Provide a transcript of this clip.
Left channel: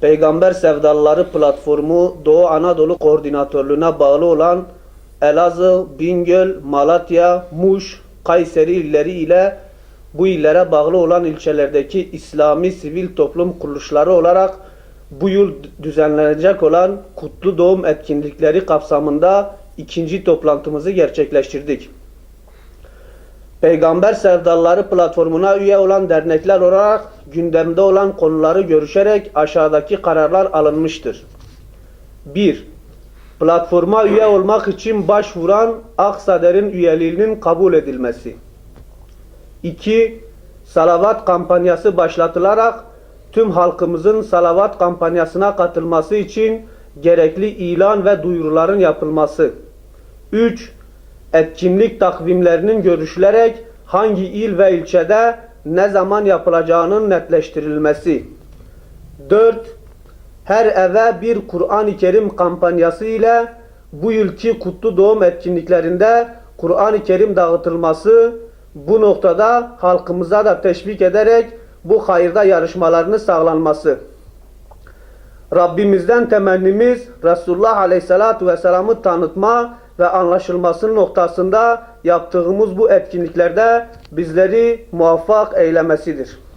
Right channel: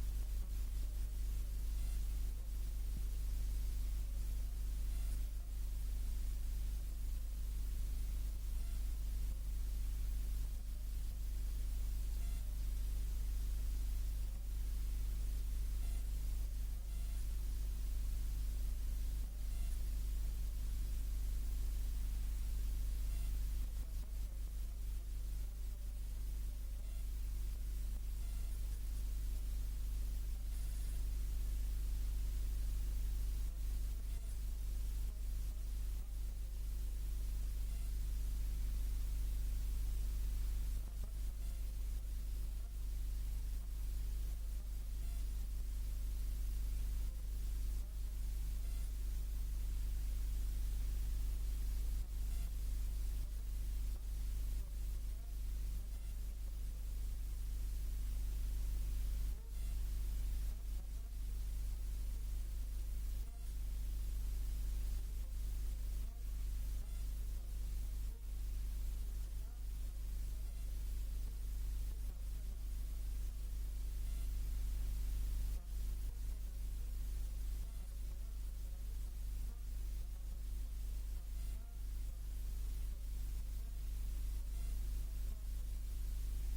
Peygamber Sevdalıları Platformu Doğu Anadolu Koordinatörlüğüne bağlı olan Elazığ, Bingöl, Malatya, Muş, Kayseri illeri ile bu illere bağlı olan ilçelerdeki İslami sivil toplum kuruluşları olarak bu yıl düzenlenecek olan Kutlu Doğum etkinlikleri kapsamında ikinci toplantımızı gerçekleştirdik. Peygamber Sevdalıları platformuna üye olan dernekler olarak gündemde olan konuları görüşerek aşağıdaki kararlar alınmıştır. 1. Platforma üye olmak için başvuran Aksader'in üyeliğinin kabul edilmesi. 2. Salavat kampanyası başlatılarak tüm halkımızın salavat kampanyasına katılması için gerekli ilan ve duyuruların yapılması. 3. Etkinlik takvimlerinin görüşülerek hangi il ve ilçede ne zaman yapılacağının netleştirilmesi. 4. Her eve bir Kur'an-ı Kerim kampanyası ile bu yılki kutlu doğum etkinliklerinde Kur'an-ı Kerim dağıtılması bu noktada halkımıza da teşvik ederek bu hayırda yarışmalarını sağlanması. Rabbimizden temennimiz Resulullah Aleyhisselatü Vesselam'ı tanıtma ve anlaşılması noktasında yaptığımız bu etkinliklerde bizleri muvaffak eylemesidir.